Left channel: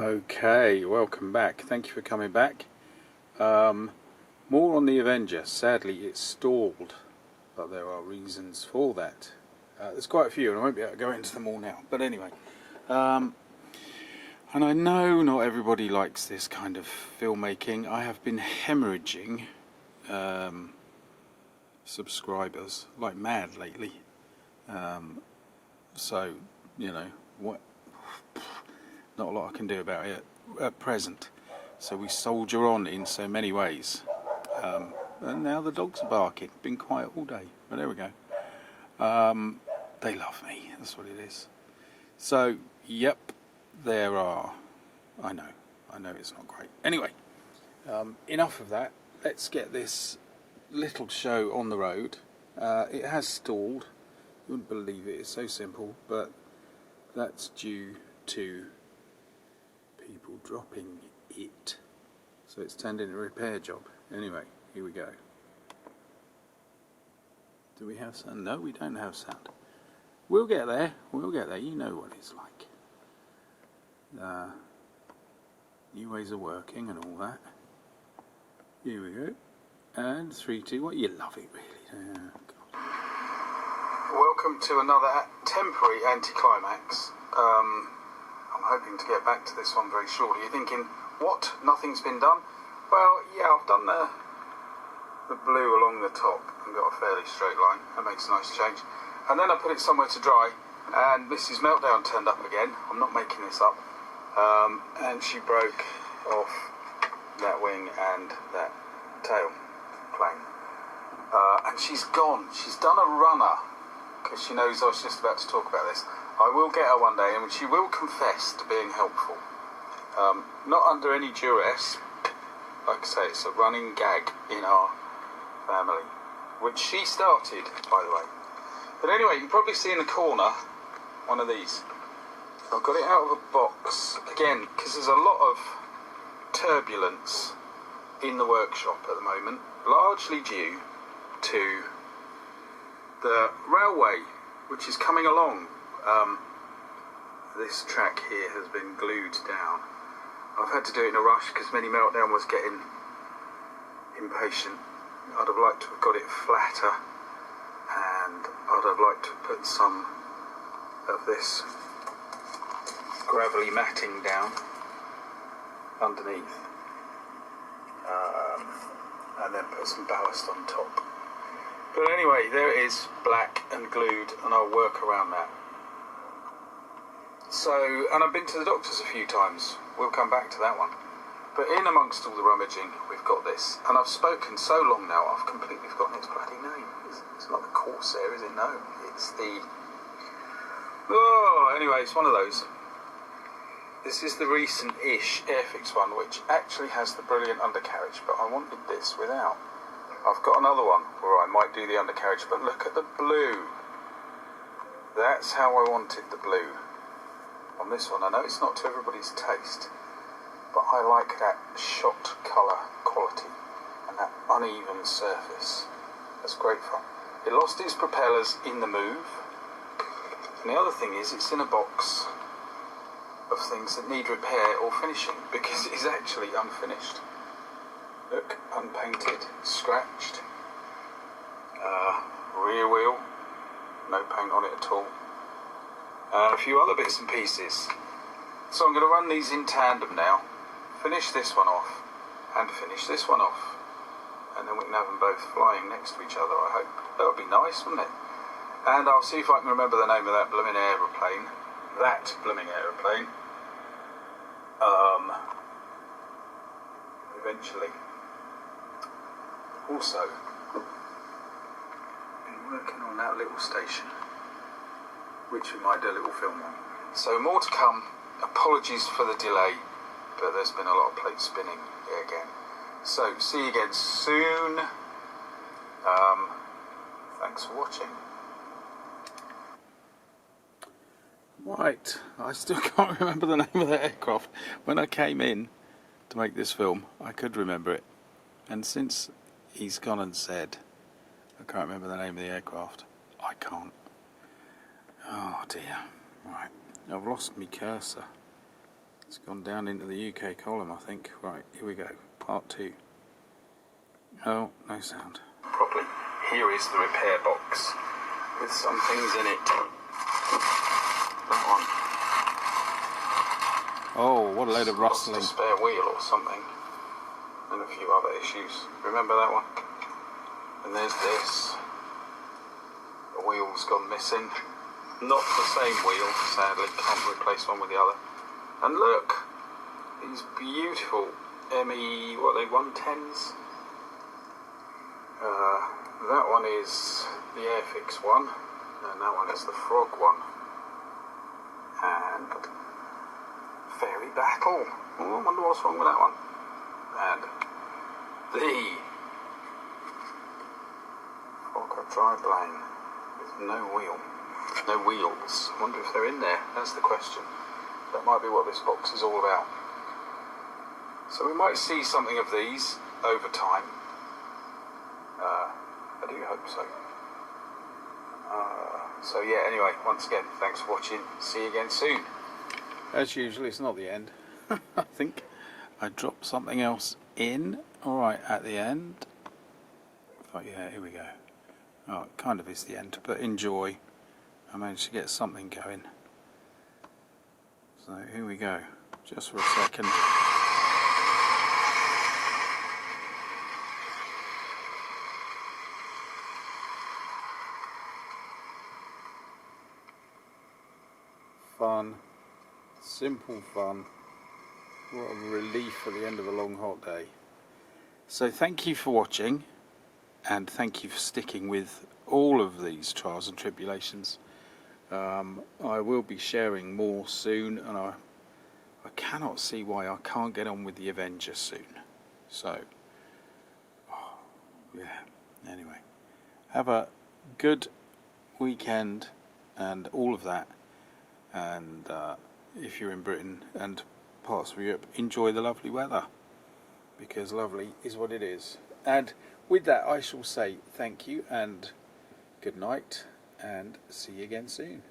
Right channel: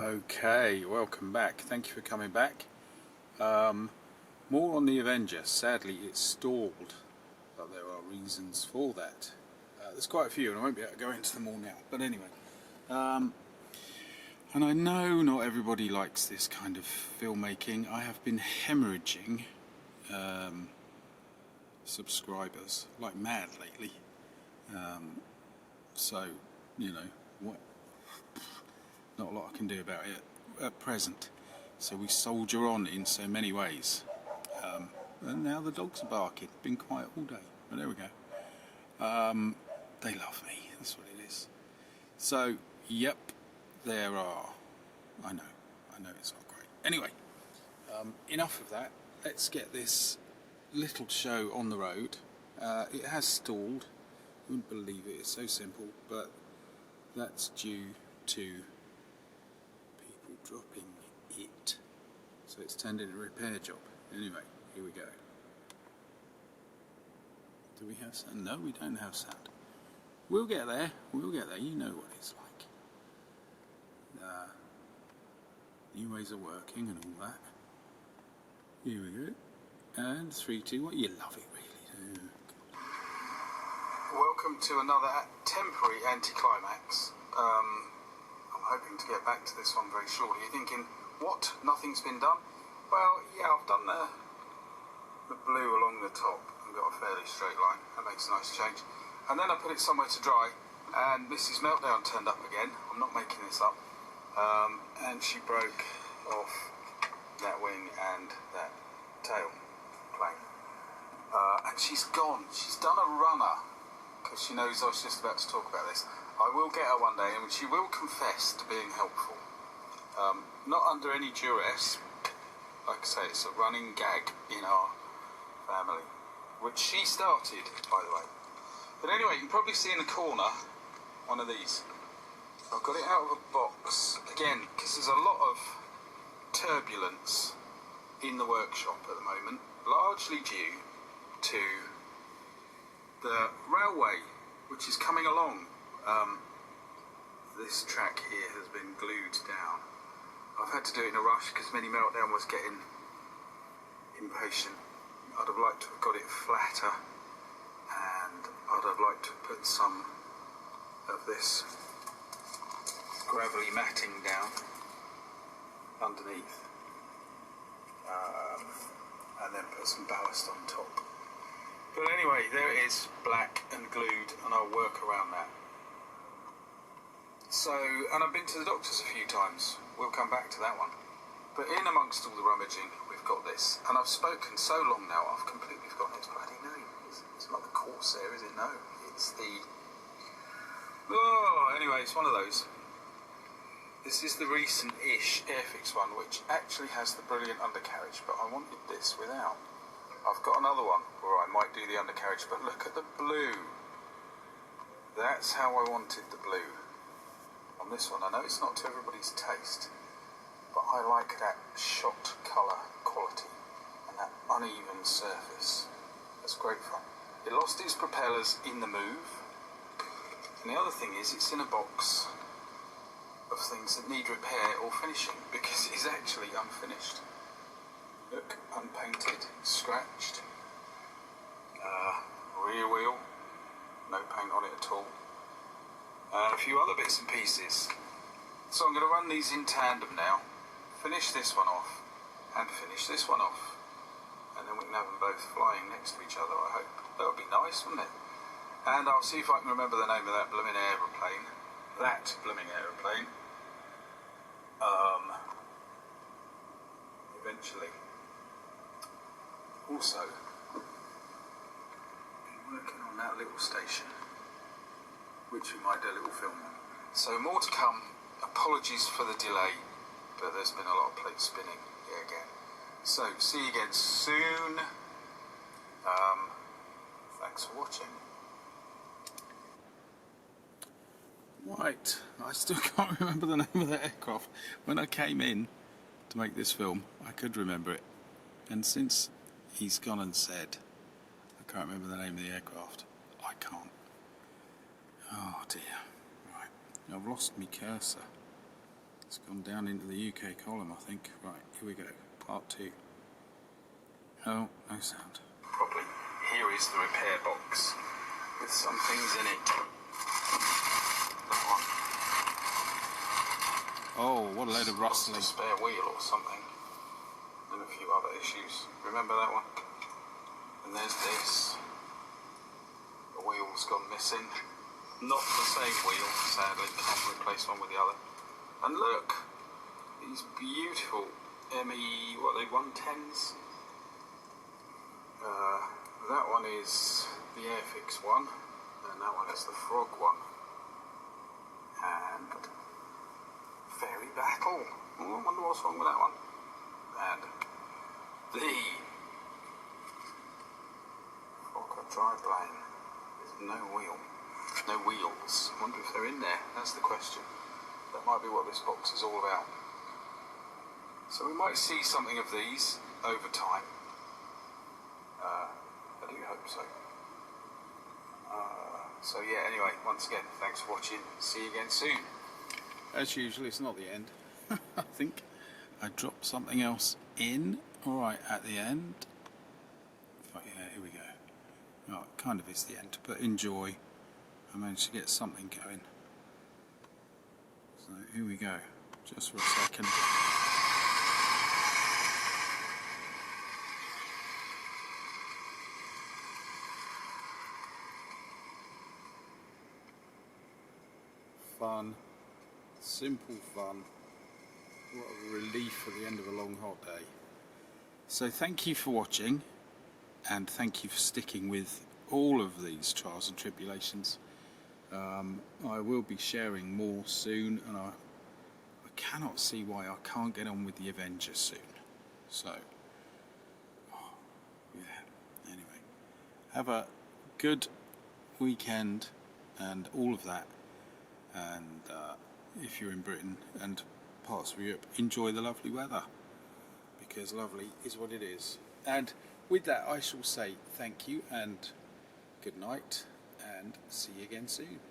Okay, welcome back. Thank you for coming back. More on the Avenger. Sadly, it's stalled, but there are reasons for that. There's quite a few, and I won't be able to go into them all now. But anyway, and I know not everybody likes this kind of filmmaking. I have been hemorrhaging subscribers like mad lately. So, you know, what? Not a lot I can do about it at present. So we soldier on in so many ways. And now the dogs are barking. Been quiet all day, but there we go. They love me, that's what it is. So, yep, there are. I know it's not great. Anyway, enough of that. Let's get this little show on the road. It has stalled. You wouldn't believe it, it's so simple, but that's due to people dropping it. So it's turned into a repair job. Anyway, here we go. Do we have sound? No, we don't have sound. We'll get there. We'll get there. You know what it's like. New ways of working and all that. Here we go. And 3, 2, 1. You love it, really. Welcome to another temporary anticlimax. I'm hoping to get back to this one very shortly. You're thinking, what? Nothing's been done? Well, yeah, I've done the blue along the top and got a fairly straight line. That makes a nice change. And then I put it somewhere to dry, and Mrs. Meltdown turned up again. I'm not making this up. And she broke off that wing and that tail plane. And she's gone. She's done a runner, because she knows I was just about to talk about this. I will get her one day, and she will confess to being helpful. Not under any duress. Like I say, it's a running gag in our family, which she started, by the way. But anyway, you can probably see in the corner one of these. I've got it out of a box, again, because there's a lot of turbulence in the workshop at the moment, largely due to the railway, which is coming along. This track here has been glued down. I've had to do it in a rush because Mini Meltdown was getting impatient. I'd have liked to have got it flatter, and I'd have liked to put some of this gravelly matting down underneath, and then put some ballast on top. But anyway, there it is, black and glued, and I'll work around that. So, and I've been to the doctors a few times. We'll come back to that one. But in amongst all the rummaging, we've got this. And I've spoken so long now, I've completely forgotten its bloody name. It's not the Corsair, is it? No. It's the... Oh, anyway, it's one of those. This is the recent-ish Airfix one, which actually has the brilliant undercarriage, but I wanted this without. I've got another one where I might do the undercarriage, but look at the blue. That's how I wanted the blue. On this one, I know it's not to everybody's taste, but I like that shot colour quality and that uneven surface. That's great fun. It lost its propellers in the move, and the other thing is it's in a box of things that need repair or finishing, because it is actually unfinished. Look, unpainted, scratched, rear wheel, no paint on it at all. A few other bits and pieces. So I'm going to run these in tandem now, finish this one off, and finish this one off. And then we can have them both flying next to each other, I hope. That would be nice, wouldn't it? And I'll see if I can remember the name of that blooming aeroplane. Eventually. Also, been working on that little station, which we might do a little film on. So more to come. Apologies for the delay, but there's been a lot of plate spinning here again. So see you again soon. Thanks for watching. Right, I still can't remember the name of the aircraft. When I came in to make this film, I could remember it. And since he's gone and said I can't remember the name of the aircraft, I can't. Oh dear. Right, I've lost my cursor. It's gone down into the UK column, I think. Right, here we go. Part 2. Oh, no sound. Properly. Here is the repair box with some things in it. That one. Oh, what a load of rustling. Lost a spare wheel or something. And a few other issues. Remember that one? And there's this. The wheel's gone missing. Not the same wheel, sadly. Can't replace one with the other. And look! These beautiful ME, what are they, 110s? That one is the Airfix one. And that one is the Frog one. And Fairy Battle. Oh, I wonder what's wrong with that one. And the Fokker Triplane with no wheel, no wheels. I wonder if they're in there. That's the question. That might be what this box is all about. So we might see something of these over time. I do hope so. So yeah, anyway, once again, thanks for watching. See you again soon. As usual, it's not the end. I think I dropped something else in. Alright, at the end. But yeah, here we go. Oh, it kind of is the end, but enjoy. I managed to get something going. So here we go. Just for a second. Fun. Simple fun. What a relief at the end of a long hot day. So thank you for watching, and thank you for sticking with all of these trials and tribulations. I will be sharing more soon, and I cannot see why I can't get on with the Avenger soon. So, yeah, anyway, have a good weekend and all of that, and if you're in Britain and parts of Europe, enjoy the lovely weather, because lovely is what it is. And with that, I shall say thank you and good night, and see you again soon.